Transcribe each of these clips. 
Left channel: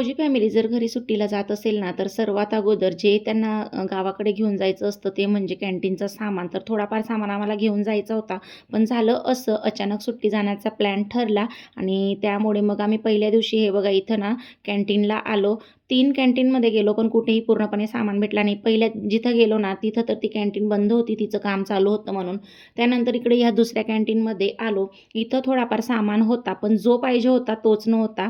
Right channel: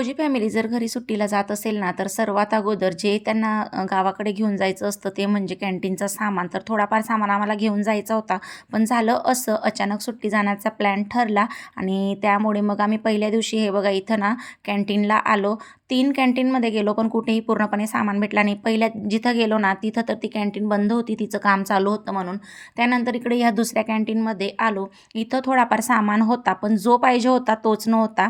फौजी फॅमिली जर घरी सुट्टीला जात असेल ना, तर सर्वात अगोदर जे त्यांना गावाकडे घेऊन जायचं असतं ते म्हणजे कॅन्टीनचं सामान. तर थोडाफार सामान आम्हाला घेऊन जायचा होता. पण झालं असं, अचानक सुट्टी जाण्याचा प्लॅन ठरला आणि त्यामुळे मग आम्ही पहिल्या दिवशी हे बघा इथं ना कॅन्टीनला आलो. 3 कॅन्टीनमध्ये गेलो, पण कुठेही पूर्णपणे सामान भेटला नाही. पहिल्या जिथं गेलो ना, तिथं तर ती कॅन्टीन बंद होती, तिचं काम चालू होतं म्हणून. त्यानंतर इकडे ह्या दुसऱ्या कॅन्टीनमध्ये आलो. इथं थोडाफार सामान होता, पण जो पाहिजे होता तोच नव्हता.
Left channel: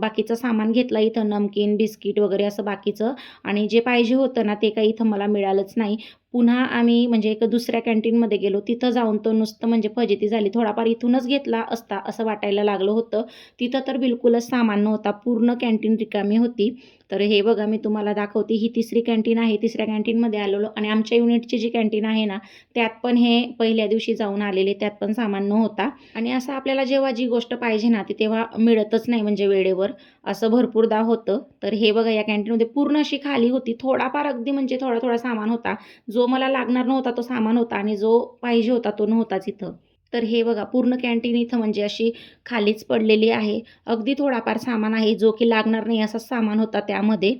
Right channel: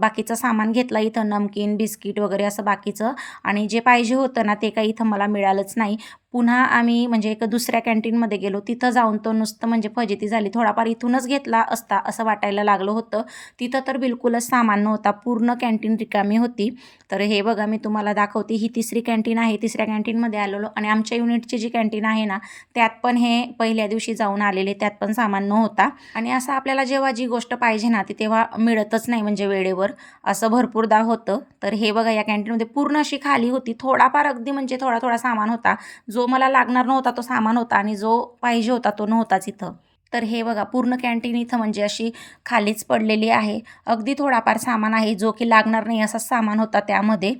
बाकीचं सामान घेतलं इथं नमकीन, बिस्किट वगैरे असं बाकीचं आणि जे पाहिजे होतं ना, ते काही इथं मला मिळालंच नाही. पुन्हा आम्ही म्हणजे एक दुसऱ्या कॅन्टीनमध्ये गेलो. तिथं जाऊन तो नुसतं म्हणजे फजिती झाली. थोडाफार इथूनच घेतला असता असं वाटायला लागलं होतं. तिथं तर बिलकुलच सामान नव्हता. पूर्ण कॅन्टीन रिकामी होती. तर हे बघा मी तुम्हाला दाखवते. ही तिसरी कॅन्टीन आहे. तिसऱ्या कॅन्टीनमध्ये आलेलो आणि आमच्या युनिटची जी कॅन्टीन आहे ना, त्यात पण हे पहिल्या दिवशी जाऊन आलेले, त्यात पण सामान नव्हता आणि असं आपल्याला जेव्हा जी गोष्ट पाहिजे ना, ती तेव्हा मिळतच नाही म्हणजे वेळेवर, असं भरपूरदा होतं. तर हे बघा या कॅन्टीनमध्ये पूर्ण अशी खाली होती. थोडाफार अगदी म्हणजे थोडा सामान होता. जो मला लागणार नव्हता तो सामान होता आणि जो पाहिजे होता तो नव्हताच इथं. तर हे बघा पूर्ण कॅन्टीन इथं म्हणजे अशी खालीच पडलेली आहे. अगदी थोडाफार सामान आहे जो की लागणार नाही असा सामान होता त्यामध्ये.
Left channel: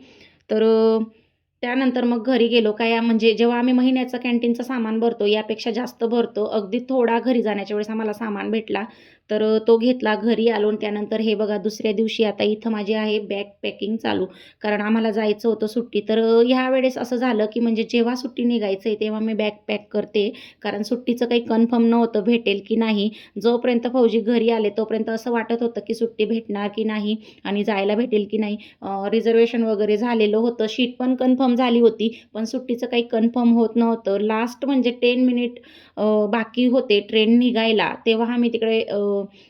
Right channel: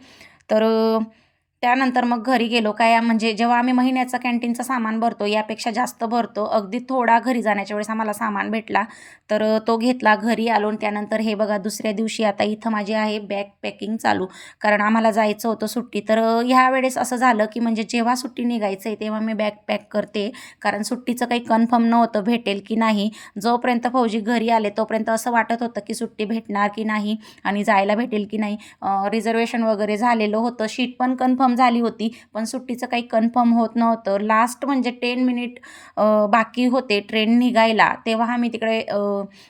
तर त्यानंतर मग घरी गेलो. काय म्हणजे जेव्हा आम्ही महिन्याचं कॅन्टीनचं सामान भरतो यापेक्षा जास्त भरतो. अगदी थोडा घरी जाण्याच्या वेळेस आम्हाला सामान भेटला. तर तो घेतला. घरी आलो आणि त्यानंतर हे बघा दुसऱ्या दिवशी आता इथं माझी आहे बॅग पॅकिंग चालू. कारण आम्हाला जायचं होतं सुट्टी. तर ह्यावेळेस असं झालं की म्हणजे जेव्हा सुट्टी निघायचं आहे तेव्हा मी बॅग पॅक करते. कारण सुट्टीचं काही कन्फर्म नव्हतं भेटेल की नाही. जोपर्यंत फौजी घरी आले तोपर्यंत असं वाटत होतं की सुट्टी भेटणार की नाही आणि जायला भेटेल की नाही. रिझर्वेशन वगैरे झालेलं होतं. शीट पण कन्फर्म झाली होती. पण सुट्टीचं काही कन्फर्म होत नव्हतं. लास्ट म्हणजे 10 मिनिट बाकी होते ट्रेन निघायला. तेव्हा आम्ही तिकडे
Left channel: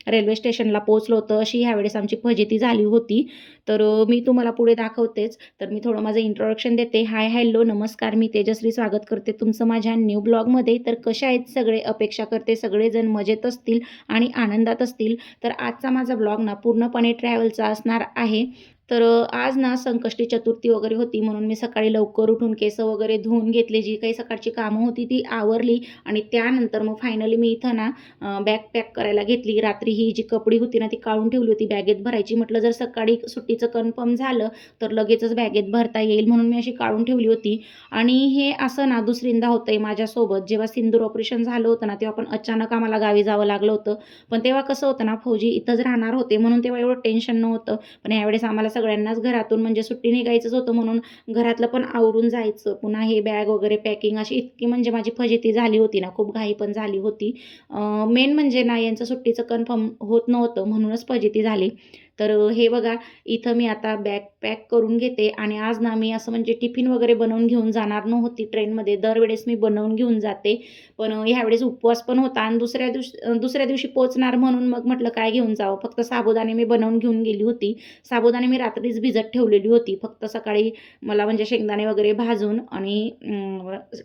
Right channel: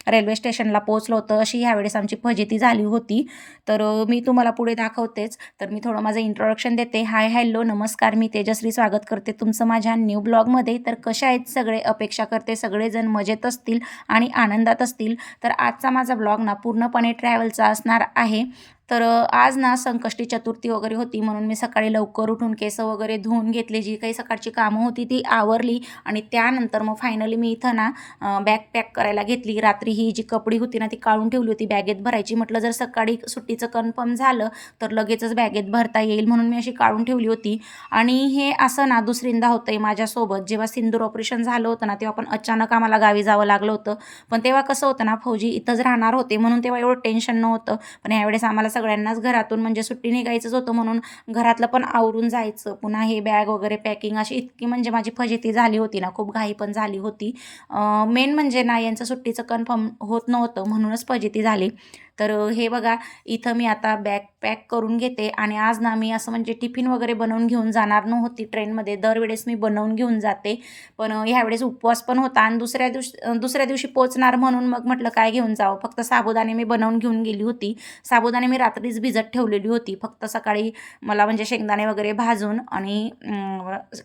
रेल्वे स्टेशनला पोहोचलो होतो. अशी ह्यावेळेस आमची फजिती झाली होती. तर मी तुम्हाला पुढे दाखवतेच. तर मी थोडं माझं इंट्रोडक्शन देते. हाय, हॅलो, नमस्कार. मी तेजश्री स्वागत करते तुमचं माझ्या न्यू ब्लॉगमध्ये. तर कशा आहेत सगळे? अपेक्षा करते सगळेजण मजेत असतील आणि आनंदात असतील. तर आजचा माझा ब्लॉग ना पूर्णपणे ट्रॅव्हलचा असणार आहे. तर आज ना संकष्टी चतुर्थी वगैरे होती म्हणून मी सकाळी लवकर उठून केस वगैरे धुवून घेतले. जी काही सकाळची कामं होती ती आवरली आणि त्यानंतर मग फायनली मी इथं ना बॅग पॅक करायला घेतली. रात्री ही जी कपडी होती ना ती काढून ठेवली होती बॅगेत भरायची. म्हटलं जर सकाळी सुट्टीचं कन्फर्म झालं तर लगेचच बॅगेत भरता येईल म्हणून मी अशी काढून ठेवली होती. आणि हे असं ना दुसरींदा होतंय माझ्यासोबत. जेव्हा सिंदूर ऑपरेशन झालं होतं ना तेव्हा पण अचानक आम्हाला गावी जावं लागलं होतं. पण तेव्हा कसं होतं ना फौजी इथंच राहणार होते म्हणून तेव्हा एवढं टेन्शन नव्हतं. पण यावेळेस आम्हाला सगळ्यांनाच घरातून म्हणजे सुट्टी निघायचंच होतं म्हणून घरातलं पण आवरून जायचं. पुन्हा हे बॅग वगैरे पॅकिंग अशी इतकी म्हणजे माझी फजिती झाली होती ना, खूप घाई पण झाली होती. मेन म्हणजे ना यांचं सुट्टीचं कन्फर्म होत नव्हतं म्हणूनच फजिती झाली. तर हे बघा इथं मी आता बॅग पॅक करून घेते आणि आज ना मी असं म्हणजे टिफिन वगैरे बनवून घेऊन जाणार नव्हती ट्रेनमध्ये. दरवेळेस मी बनवून घेऊन जाते. पण ह्यावेळेस उपवास पण होता आणि दुसऱ्या दिवशी पोचणार म्हणून मग म्हटलं काय घेऊन जावं. फक्त साबुदाणे मी बनवून घेऊन गेली होती. साबुदाणे मी रात्रीच भिजत ठेवलेली होती. फक्त सकाळी मला म्हणजे शेंगदाणे वगैरे भाजून आणि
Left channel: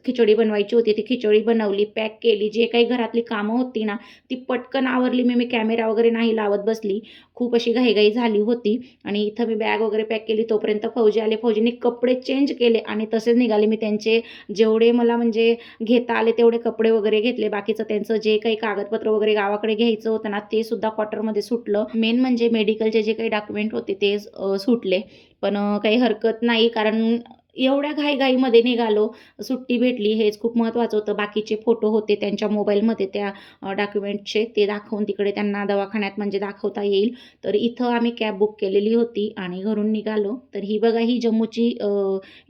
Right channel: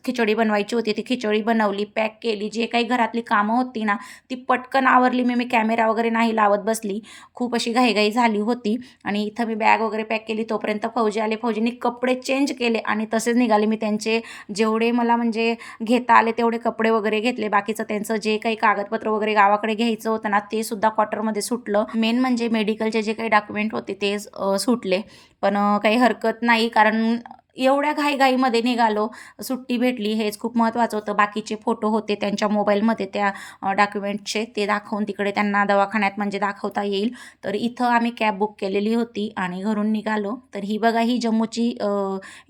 खिचडी बनवायची होती. ती खिचडी बनवली, पॅक केली. जे काही घरातली कामं होती ना ती पटकन आवरली. मी कॅमेरा वगैरे नाही लावत बसली. खूप अशी घाईघाई झाली होती आणि इथं मी बॅग वगैरे पॅक केली. तोपर्यंत फौजी आले. फौजींनी कपडे चेंज केले आणि तसेच निघाले. मी त्यांचे जेवढे मला म्हणजे घेता आले तेवढे कपडे वगैरे घेतले. बाकीचं त्यांचं जे काही कागदपत्र वगैरे गावाकडे घ्यायचं होतं ना ते सुद्धा क्वार्टरमध्ये सुटलं. मेन म्हणजे मेडिकलचे जे काही डॉक्युमेंट होते ते सुटले. पण काही हरकत नाही कारण एवढ्या घाईघाईमध्ये निघालो. सुट्टी भेटली हेच खूप महत्त्वाचं होतं. बाकीचे फोटो होते त्यांच्या मोबाईलमध्ये त्या डॉक्युमेंटचे, ते दाखवून तिकडे त्यांना दवाखान्यात म्हणजे दाखवता येईल. तर इथं आम्ही कॅब बुक केलेली होती आणि घरून निघालो. तर ही बघा ही जम्मूची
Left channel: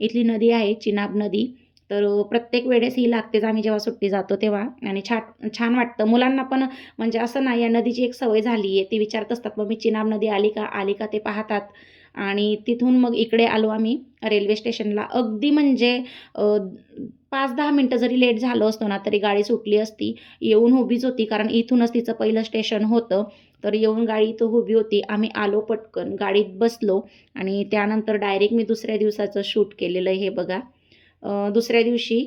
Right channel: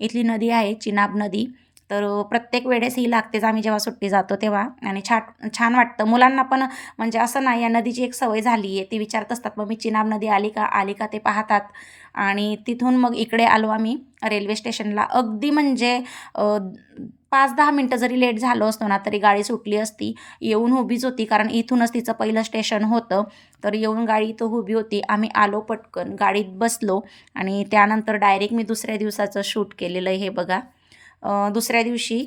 इथली नदी आहे चिनाब नदी. तर प्रत्येक वेळेस ही लागतेच आम्ही जेव्हा सुट्टी जातो तेव्हा आणि छान वाटतं. मुलांना पण म्हणजे असं नाही या नदीची एक सवय झाली आहे. ते विचारत असतात मग मी चिनाब नदी आली का ते पाहतात. आणि तिथून मग इकडे आलो आम्ही रेल्वे स्टेशनला. अगदी म्हणजे 5-10 मिनटं जरी लेट झालो असतो ना तरी गाडी सुटली असती. येऊन उभीच होती कारण इथूनच तिचं पहिलं स्टेशन होतं. तर येऊन गाडी इथं उभी होती. आम्ही आलो पटकन गाडीत बसलो आणि त्यानंतर डायरेक्ट मी दुसऱ्या दिवसाचं शूट केलेलं आहे हे बघा. दुसऱ्या दिवशी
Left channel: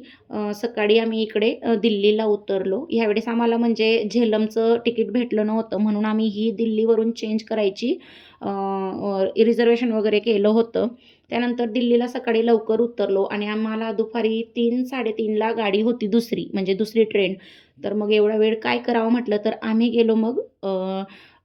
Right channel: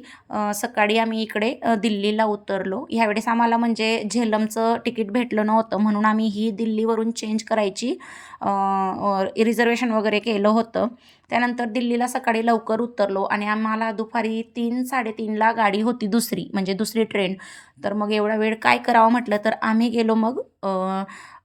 सकाळी आम्ही इकडे दिल्लीला उतरलो. ह्यावेळेस आम्हाला म्हणजे झेलमचं तिकीट भेटलं नव्हतं म्हणून आम्ही ही दिल्लीवरून चेंज करायची रिझर्वेशन वगैरे केलं होतं. त्यानंतर दिल्लीला सकाळी लवकर उतरलो आणि आम्हाला दुपारी 3-3:30ला गाडी होती दुसरी म्हणजे दुसरी ट्रेन. तर मग एवढा वेळ काय करावं म्हटलं तर आम्ही गेलो मग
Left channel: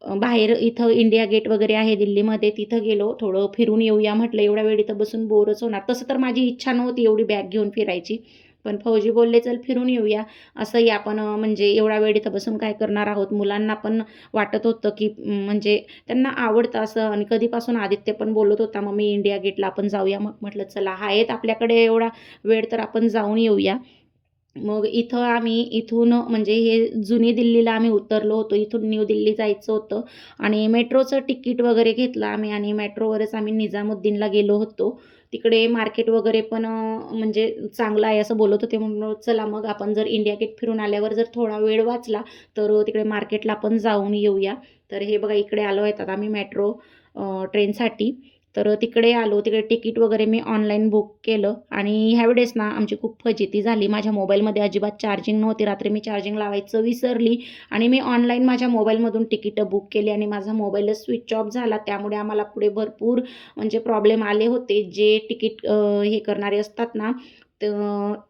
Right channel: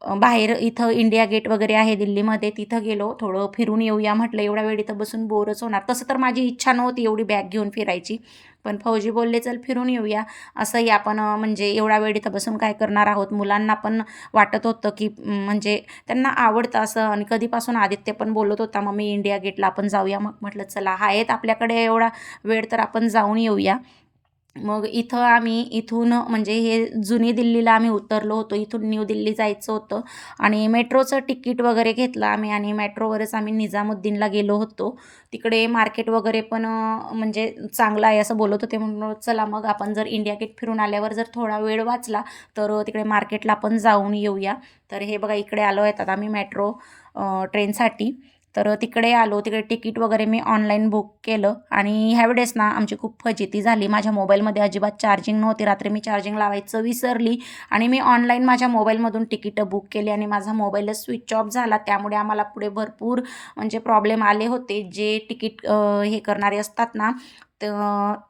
बाहेर इथं इंडिया गेट वगैरे आहे दिल्लीमध्ये, तिथं गेलो. थोडं फिरून येऊया म्हटलं, एवढा वेळ इथं बसून बोरच होणार. तसं तर माझी इच्छा नव्हती एवढी बॅग घेऊन फिरायची, पण फौजी बोलले चल फिरून येऊया. असंही आपण म्हणजे एवढा वेळ इथं बसून काय करणार आहोत. मुलांना पण वाटत होतं की म्हणजे त्यांना आवडतं असं, आणि कधीपासून आदित्य पण बोलत होता मम्मी इंडिया गेटला आपण जाऊया. मग म्हटलं चला आहेत आपल्याकडे एवढा वेळ तर आपण जाऊन येऊया. मग इथं आम्ही इथून म्हणजे हे जुनी दिल्लीला आम्ही उतरलो होतो. इथून न्यू दिल्ली जायचं होतं आणि मेट्रोचं तिकीट वगैरे घेतलं आम्ही आणि मेट्रोवरच आम्ही निजामुद्दीनला गेलो होतो. तिकडे मार्केट वगैरे पण म्हणजे चांगलं आहे असं बोलत होते, म्हणून चला मग आपण जर इंडिया गेट फिरून आल्यावर जर थोडा वेळ वाचला तर तिकडे मार्केटला आपण जाऊन येऊया. तर हे बघा इकडे आलो आहेत आता आम्ही मेट्रो ट्रेनसाठी. तर तिकडे आलो. तिकडे तिकीट वगैरे मी ऑनलाईन बुक केलं आणि ह्यावेळेस ना आमची खूप फजिती झाली. माझ्या मोबाईलमध्ये अजिबात चार्जिंग नव्हती. रात्री मी चार्जिंग लावायचं विसरली आणि मी ऑनलाईन माझ्या मोबाईलमधून तिकीटं बुक केली आणि माझा मोबाईलच स्विच ऑफ झाला. त्यामुळे आम्हाला पुढे भरपूर म्हणजे प्रॉब्लेम आले होते. जे तिकीट हे करणारे असतात ना,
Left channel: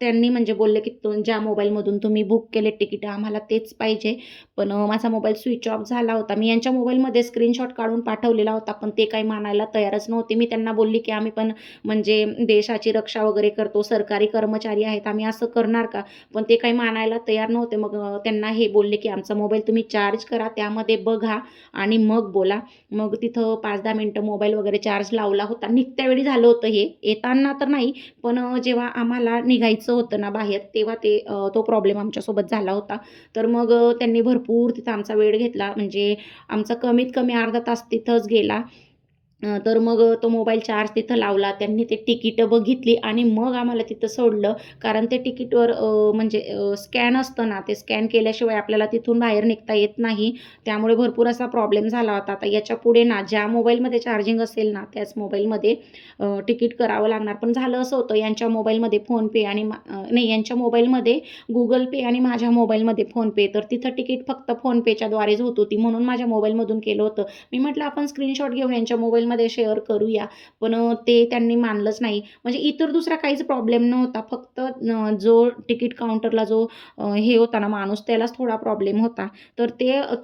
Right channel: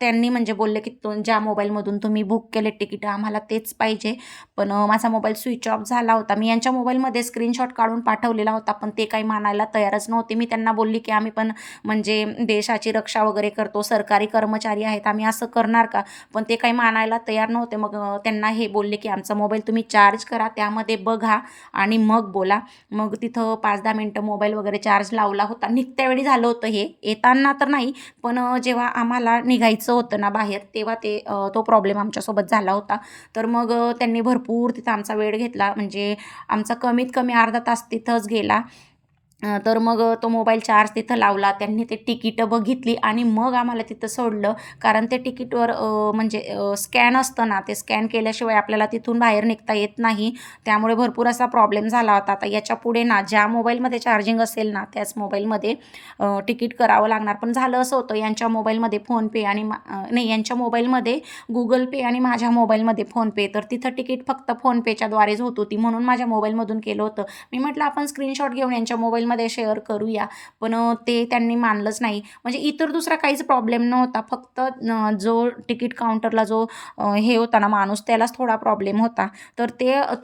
त्यांनी म्हणजे बोलले की ज्या मोबाईलमधून तुम्ही बुक केले तिकीट आम्हाला तेच पाहिजे. पण माझा मोबाईल स्विच ऑफ झाला होता. मी यांच्या मोबाईलमध्ये स्क्रीनशॉट काढून पाठवलेला होता, पण ते काही मानायला तयारच नव्हते. मी त्यांना बोलली की आम्ही पण म्हणजे देशाची रक्षा वगैरे करतो, सरकारी कर्मचारी आहेत, आम्ही असं करणार का? पण ते काही मानायला तयार नव्हते. मग त्यांना हे बोलले की आमचा मोबाईल तुम्ही चार्ज करा, त्यामध्ये बघा आणि मग बोला. मग तिथं 5-10 मिनटं मोबाईल वगैरे चार्ज लावला होता. निघत्यावेळी झालं होतं हे, येताना तर नाही, पण जेव्हा आम्हाला निघायचं होतं ना बाहेर, तेव्हा तो प्रॉब्लेम आमच्यासोबत झाला होता. तर मग त्यांनी भरपूर तिथं आमचा वेळ घेतला. म्हणजे आमचा कमीत कमी अर्धा तास तिथंच गेला. तर मग तो मोबाईल चार्ज तिथं लावला. त्यांनी ते तिकीटं बघितली आणि मग आम्हाला तिथं सोडलं. कारण ते तिकीटवर म्हणजे स्कॅन असतं ना, ते स्कॅन केल्याशिवाय आपल्याला तिथून बाहेर निघता येत नाही. त्यामुळे भरपूर असा प्रॉब्लेम झाला होता. आता याच्यापुढे ना ज्या मोबाईलमध्ये चार्जिंग असेल ना, त्याच मोबाईलमध्ये तिकीट करावं लागणार. पण झालं असं होतं, यांच्या मोबाईलमध्ये फोनपे आणि नाही, यांच्या मोबाईलमध्ये गुगल पे आणि माझ्या मोबाईलमध्ये फोनपे. तर तिथं तिकीट फक्त फोनपेच्याद्वारेच होत होती, म्हणून माझ्या मोबाईलमधून केलं होतं. मी म्हटलं आपण स्क्रीनशॉट घेऊन यांच्या मोबाईलमध्ये शेअर करूया, पण ते त्यांनी मानलंच नाही. म्हणजे इतर दुसरा काहीच प्रॉब्लेम नव्हता, फक्त जो तिकीट काउंटरला जो हे होता ना माणूस, त्यालाच थोडा प्रॉब्लेम होता. तर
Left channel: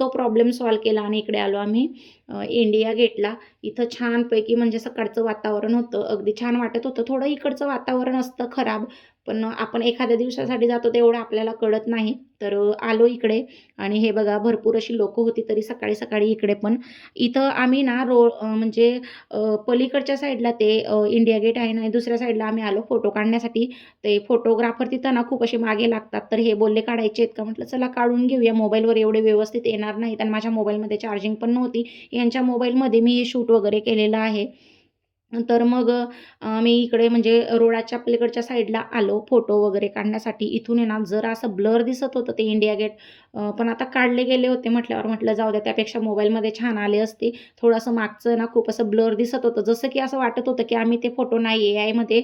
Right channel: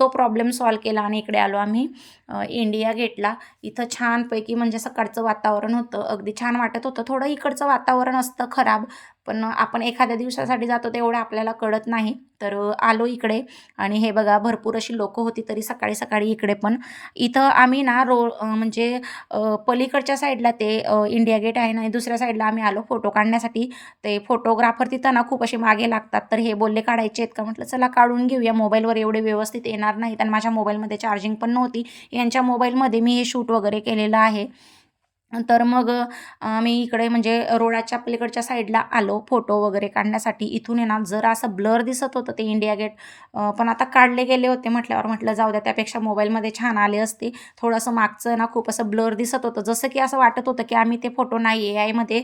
तो प्रॉब्लेम सॉल्व्ह केला आणि इकडे आलो आम्ही इंडिया गेटला. इथं छानपैकी म्हणजे सकाळचं वातावरण होतं, अगदी छान वाटत होतं. थोडं इकडचं वातावरण असतं खराब, पण आपण एखाद्या दिवसासाठी जातो तेवढं आपल्याला कळत नाही. तर आलो इकडे आणि हे बघा भरपूर अशी लोकं होती तरी सकाळी सकाळी इकडे पण. इथं आम्ही ना म्हणजे पलीकडच्या साईडला ते इंडिया गेट आहे ना, आणि दुसऱ्या साईडला आम्ही आलो फोटो काढण्यासाठी. ते फोटोग्राफर तिथं ना खूप असे मागे लागतात. तर हे बोलले काढायचे आहेत का? म्हटलं चला काढून घेऊया. मोबाईलवर एवढे व्यवस्थित येणार नाहीत आणि माझ्या मोबाईलमध्ये चार्जिंग पण नव्हती. यांच्या मोबाईलमध्ये मी हे शूट वगैरे केलेलं आहे. तर मग मी इकडे म्हणजे रोडाच्या पलीकडच्या साईडला आलो फोटो वगैरे काढण्यासाठी. इथून आहे ना जरा असं ब्लर दिसत होतं ते इंडिया गेट, पण आता काढले गेले होते म्हटल्यावर म्हटलं जाऊ द्या, त्यापेक्षा मोबाईलमध्ये छान आले असते. थोडंसं मागचं ना खूप असं ब्लर दिसत होतं, जसं की असं वाटत होतं की आम्ही ते फोटो नाही AI मध्ये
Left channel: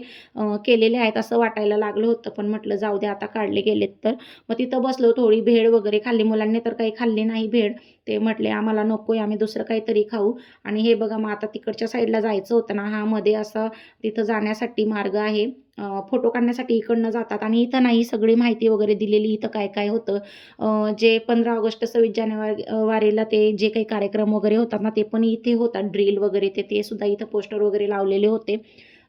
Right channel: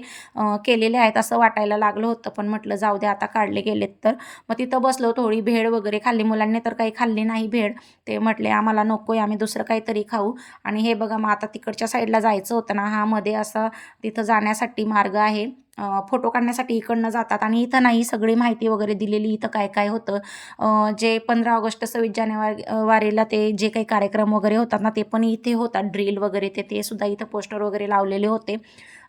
केलेले आहेत असं वाटायला लागलं होतं. पण म्हटलं जाऊ द्या आता काढले गेलेत तर. मग तिथं बसलो, थोडी भेळ वगैरे खाल्ली. मुलांनी तर काही खाल्ली नाही भेळ, ते म्हटले आम्हाला नको आहे, आम्ही दुसरं काहीतरी खाऊ. आणि हे बघा मग आता तिकडच्या साईडला जायचं होतं ना, हा मध्ये असं तिथं जाण्यासाठी मार्ग आहे. फोटो काढण्यासाठी इकडनं जातात आणि इथं नाही, सगळी माहिती वगैरे दिलेली इथं काय काय होतं. जे 15 ऑगस्ट 26 जानेवारीला ते जे काही कार्यक्रम वगैरे होतात ना, ते पण इथे होतात. ड्रिल वगैरे ते सुद्धा इथं पोस्टर वगैरे लावलेले होते.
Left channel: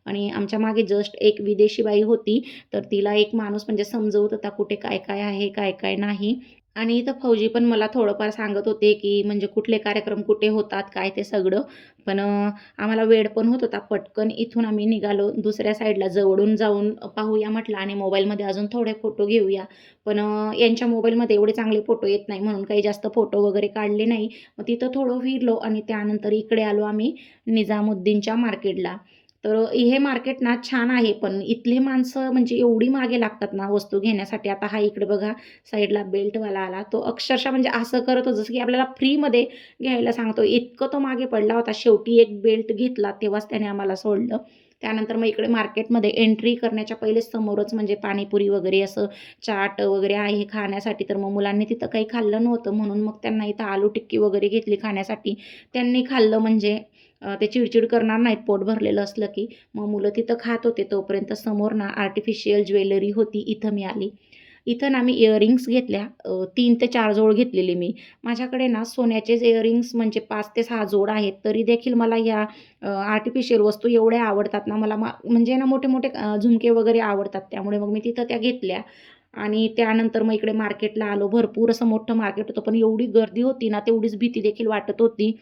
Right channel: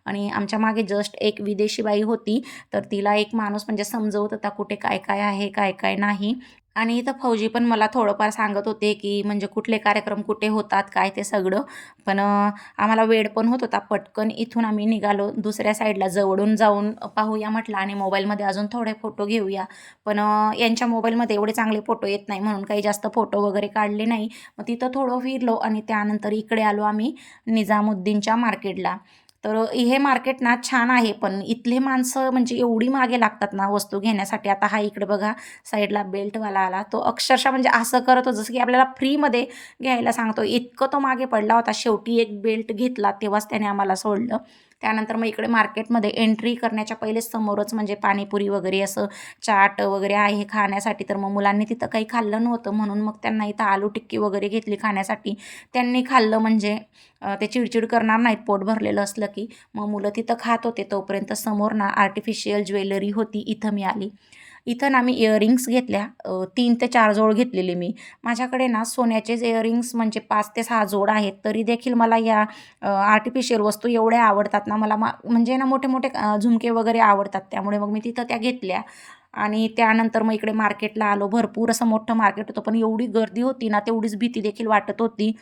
आणि आमच्या मागे जस्ट एक विदेशी बाई होती, तर तिला एक माणूस म्हणजे समजवत होता कुठे काय काय आहे, काय काय नाही. आणि इथं फौजी पण मला थोडंफार सांगत होते की म्हणजे कुठले कार्यक्रम कुठे होतात काय ते सगळं. पण आम्हाला वेळ पण होत होता. पटकन इथून आम्ही निघालो दुसऱ्या साईडला, जवळून जाऊन पाहूया म्हटलं आणि मोबाईलमध्ये अजून थोडे फोटो घेऊया. पण यांच्या मोबाईलमध्ये एवढे चांगले फोटो येत नाही, म्हणून काही जास्त फोटो वगैरे काढले नाही. मग तिथं थोडं फिरलो आणि त्यानंतर इकडे आलो आम्ही निजामुद्दीनच्या मार्केटला. तर हे मार्केट ना छान आहे, पण इथले माणसं म्हणजे एवढी मागे लागतात ना वस्तू घेण्यासाठी. आता हा इकडे बघा साईडला बेल्टवाला आला, तो अक्षरशः म्हणजे असं करत होता जसं की आपल्याला फ्रीमध्ये घ्यायला सांगतो, इतकं तो मागे पडला होता. शेवटी एक बेल्ट घेतला तेव्हाच त्याने आम्हाला सोडलं. त्यानंतर मग इकडे मार्केटमध्ये एंट्री करण्याच्या पहिलेच समोरच म्हणजे पाणीपुरी वगैरे असं चाट वगैरे आहे खाण्यासाठी. तर मग मुलांनी तिथं काही खाल्लं नव्हतं, म्हणून मग त्यांना इथं आलू टिक्की वगैरे घेतली खाण्यासाठी. त्यांनी खाल्लं म्हणजे ते चिडचिड करणार नाहीत पोट भरलेलं असलं की. मग मुलं तिथं खात होते, तोपर्यंत समोर ना आर्टिफिशियल ज्वेलरी होती, इथं मी आली. इथं ना मी इयरिंग्स घेतल्या 3 ते 4 जोड घेतलेले मी. माझ्याकडे ना सोन्याचेच इयरिंग्स म्हणजे 5 ते 6 जोड आहेत. तरी देखील मला या आर्टिफिशियल वस्तू एवढ्या आवडतात ना मला म्हणजे ना मोठे-मोठे झुमके वगैरे आवडतात. त्यामुळे मग मी तिथं त्या घेतल्या. आणि त्यानंतर मग इकडे मार्केटला आलो. भरपूर असं मोठं मार्केट होतं, पण एवढी गर्दी होती ना, तेवढीच भीती देखील वाटत होती.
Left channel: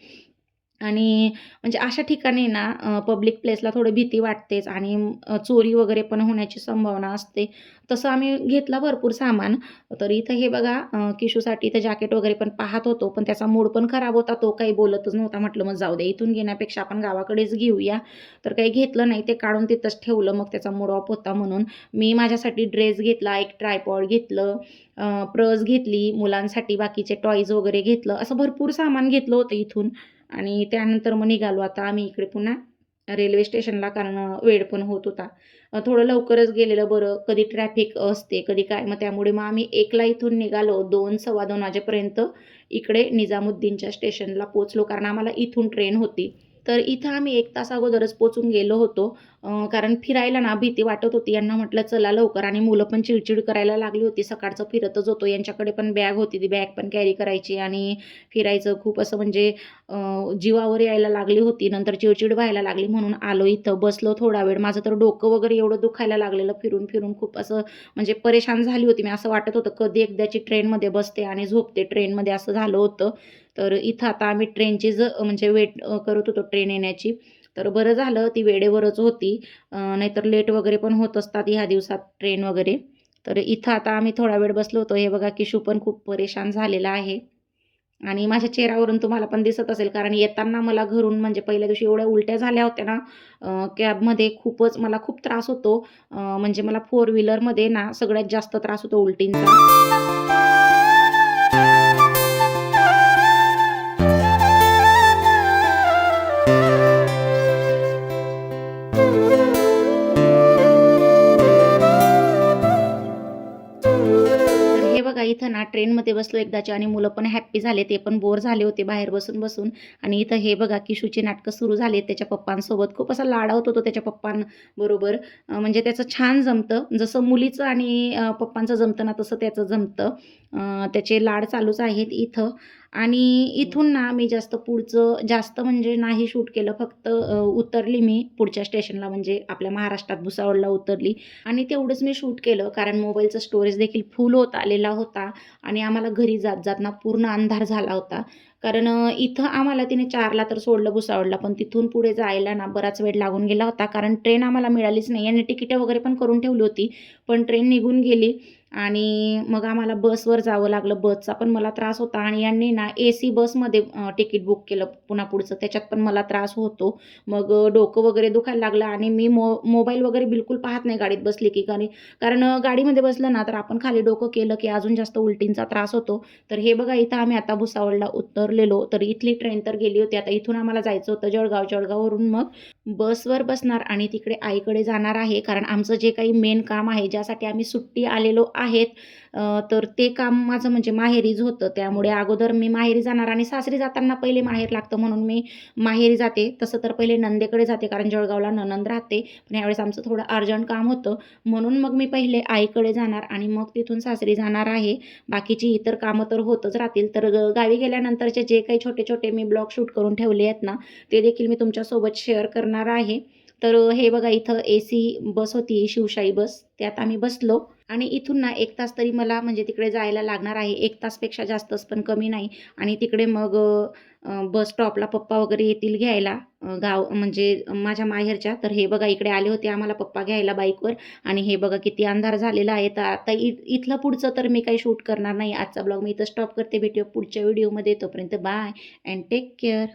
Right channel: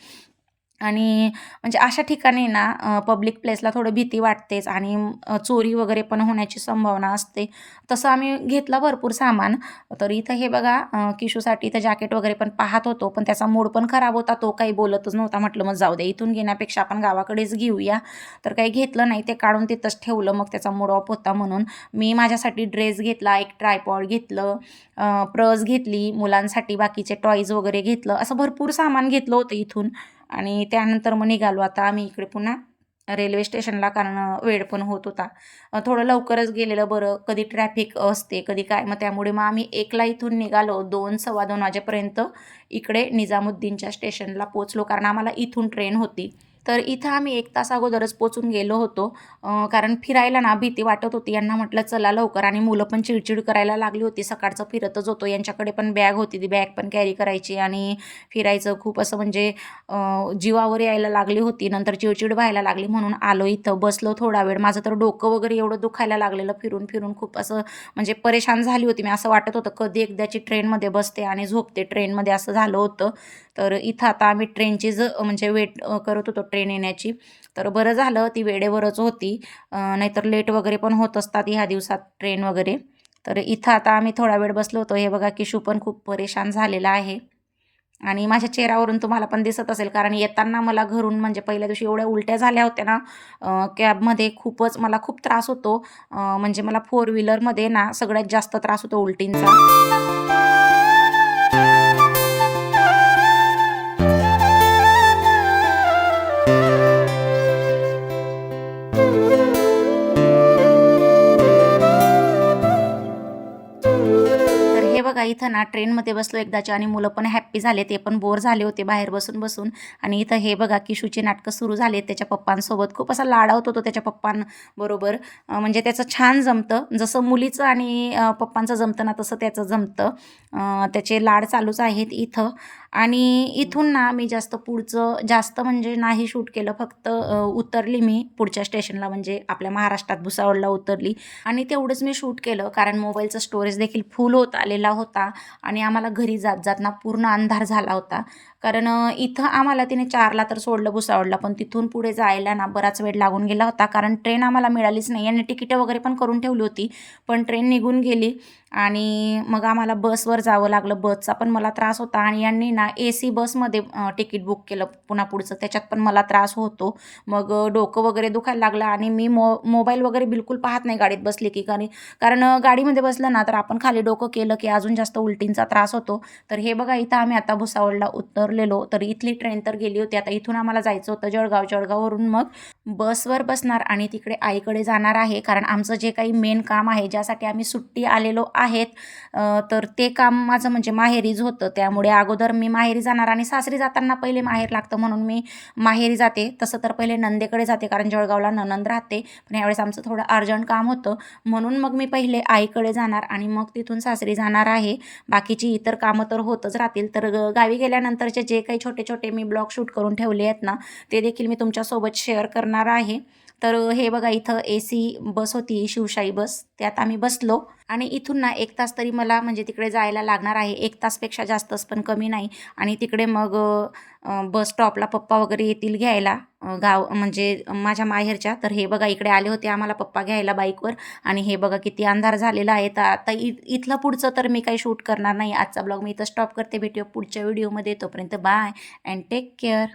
आणि म्हणजे अशा ठिकाणी ना पब्लिक प्लेसला थोडी भीती वाटतेच आणि चोरी वगैरे पण होण्याची संभावना असते. तसं आम्ही घेतलं भरपूर सामान. तर इथं हे बघा किशूसाठी इथं जॅकेट वगैरे पण पाहत होतो, पण त्याचा मूड पण खराब होता. तो काही बोलतच नव्हता. म्हटलं मग जाऊ दे, इथून घेण्यापेक्षा आपण गावाकडेच घेऊया. तर काही घेतलं नाही. ते काढून तिथंच ठेवलं. मग त्याचा मूड ऑफ होता म्हणून. मी माझ्यासाठी ड्रेस घेतला, एक ट्रायपॉड घेतलं, पर्स घेतली, मुलांसाठी बाकीचे टॉयज वगैरे घेतलं. असं भरपूर सामान घेतलं होतं इथून. आणि त्यानंतर मग निघालो आता आम्ही इकडे पुन्हा रेल्वे स्टेशनला, कारण वेळ पण होत होता. थोडं लवकरच गेलेलं बरं, कधी ट्रॅफिक असते कधी काय. मग त्यामुळे मग आम्ही 1ला इथून निघालो, 2 2:15 वाजेपर्यंत इकडे निजामुद्दीनच्या स्टेशनला पोचलो, कारण आम्हाला इथून ट्रेन होती. तर इथं आम्ही 1 तास अगोदरच पोचून गेलो होतो. कारण फिरायला ना भीती वाटत होती. यांना म्हटलं चला लवकर, आणि मुलं पण चिडचिड करायला लागली होती. सकाळचं फिरतच होतो. यांच्याकडे पण बॅग होती, ती बॅग पण कॅरी करायची आणि फिरायचं खूप असं म्हणजे जीवावर यायला लागली होती. नंतर चिडचिड व्हायला लागली म्हणून आलो इथं, बसलो थोडा वेळ. माझं तर डोकं वगैरे एवढं दुखायला लागलेलं फिरून फिरून, खूप असं म्हणजे परेशान झाली होती मी. असं वाटत होतं कधी एकदाची ट्रेनमध्ये बसते आणि झोपते ट्रेनमध्ये, असं झालं होतं. तर इथं आता आम्ही ट्रेनची म्हणजे वेट करत होतो ट्रेन येण्याची. तर बरं झालं ती वेळेवरच होती. नाहीतर लेट वगैरे पण होत असतात ह्या दिवसात ट्रेन वगैरे. तर इथं आता आम्ही थोडा वेळ बसलो होतो. हे बघा किशू पण खूप परेशान झालेला आहे. आणि माझ्या चेहऱ्यावरून तुम्हाला पण दिसत असेल, कारण येताना मला घरून म्हणजे पहिल्या दिवशी एवढ्या उलट्या झाल्या होत्या ना कॅबमध्ये, खूपच मला खूप त्रास होतो. म्हणजे मला फोर व्हीलरमध्ये ना सगळ्यात जास्त त्रास होतो उलटींचा. तर हे बघा इथं ना ट्रेनमध्ये बसलो एकदाची, आणि मुलं पण हॅप्पी झाले. ते पण बोर झाले होते बाहेर बसून-बसून. आणि इथं हे बघा किशूची नाटकं सुरू झाली त्याच्या पप्पांसोबत. खूप असा लाडावत होतो त्याच्या पप्पांबरोबर. म्हणजे त्याचं छान जमतं. जसं मुलीचं आणि पप्पांचं जमतं ना, तसं त्याचं जमतं. त्याचे लाड चालूच आहेत इथं. आणि इथून ना मी जास्त म्हणजे नाही शूट केलं. फक्त उतरली मी पुढच्या स्टेशनला, म्हणजे आपल्या महाराष्ट्रात भुसावळला उतरली. आणि तेवढंच मी शूट केलं, कारण मोबाईलचं स्टोरेज देखील फुल होत आलेला होता. आणि आम्हाला घरी जात ना पूर्ण अंधार झाला होता. कारण इथं आम्हाला तिने 4ला तर सोडलं भुसावळला, पण तिथून पुढे जायला ना बराच वेळ लागून गेला होता, कारण ट्रेन आम्हाला मिळालीच नाही. आणि तिकीटं वगैरे पण करून ठेवली होती, पण ट्रेन निघून गेली. आणि मग आम्हाला बसवर जावं लागलं. बसचा पण मला त्रास होता, आणि यांनी ना AC बसमध्ये तिकीट बुक केलं पुन्हा पुढचं, त्याच्यात पण मला त्रास होतो. मग डोकं वगैरे दुखायला लागलं. आणि मी मोबाईल वगैरे बिलकुल पाहत नाही गाडीत बसली की, कारण गाडीमध्ये बसलं ना तर आपण खाली डोकं केलं की अजून जास्त उलटींचा त्रास होतो. तर हे बघा इथं आम्ही आता भुसावळला उतरलेलो. तर इथली ट्रेन तर गेली होती. आता इथून आम्हाला जायचं होतं जळगाव. जळगाववरून मग बसवर बसणार आणि तिकडे आईकडे जाणार आहे, कारण आमचं जे काही मेन काम आहे, ज्यासाठी आम्ही सुट्टी आलेलो आहेत, तर ते काम माझं म्हणजे माहेरीच होतं. त्यामुळे अगोदर मी माहेरी जाणार, आणि सासरी जाताना पहिले माहेर लागतं म्हणून मी माहेरी जाते. तसं तर पहिले नंदेकडे जाते, कारण जळगावला नणंद राहते. पण यावेळेस आमचं थोडं अर्जंट काम होतं, म्हणून मग मी पहिले आईकडे जाणार आणि मग तिथून सासरी जाणार आहे. बाकीची इतर कामं तर होतच राहतील. तर गावी गेल्यानंतरचे जे काही छोटे-छोटे मी ब्लॉग शूट करून ठेवले आहेत ना, ते देखील मी तुमच्यासोबत शेअर करणार आहे. तर हे बघा इथं AC बस होती, शिवशाही बस, त्यात आम्ही बसलो. आणि इथून ना 1 तास तरी मला म्हणजे तिकडे जायला लागणार आहे. 1 तासपेक्षा जास्तच, पण कमी नाही. आणि तिकडे मग बस स्टॉपला पप्पा वगैरे येतील घ्यायला, गाव म्हणजे माझ्या माहेरच्या. तर हे बघा इकडे आले होते आम्हाला पप्पा घ्यायला बाईकवर. आणि हे बघा किती अंधार झालेला आहे. तर आता इथलं पुढचं तर मी काही शूट करणार नाही. आजचा ब्लॉग मी इथं स्टॉप करते. भेटूया पुढच्या व्हिडिओमध्ये. तोपर्यंत बाय अँड टेक केअर.